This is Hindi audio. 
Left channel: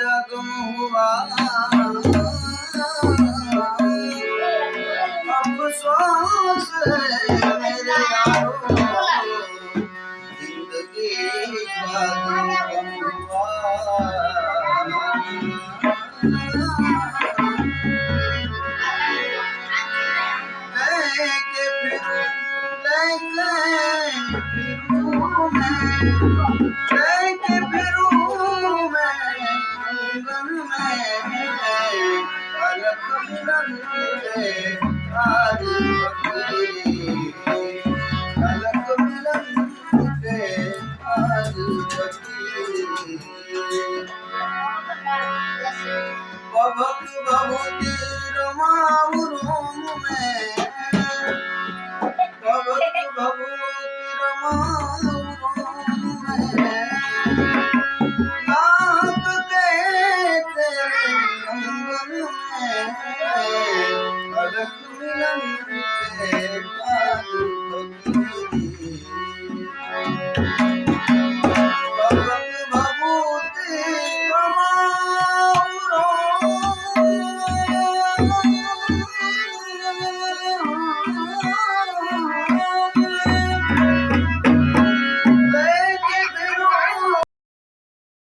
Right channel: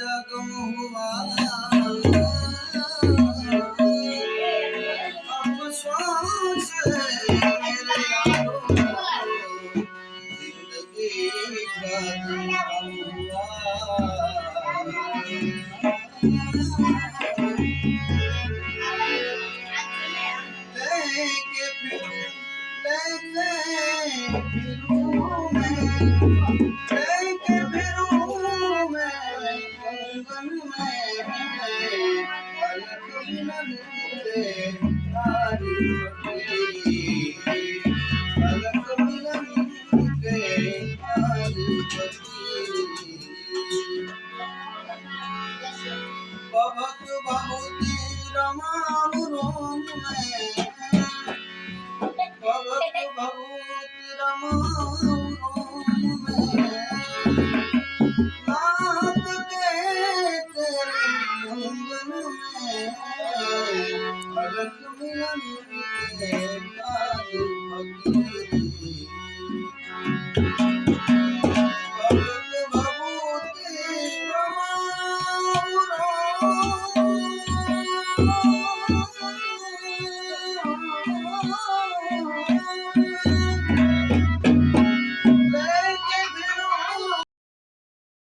जगम हुआ अफसोस मेरे यारो जिंदगी का दुखम हुआ लेके फिरूं मैं कंगन में पलक मिलन के तारी पकड़ी पलक मिलन के तारी पकड़ी बबक भभूति रमाऊ रोम में बबक भभूति रमाऊ रोम में नाप के तेरे कंगन में पलक मिलन के तारी पकड़ी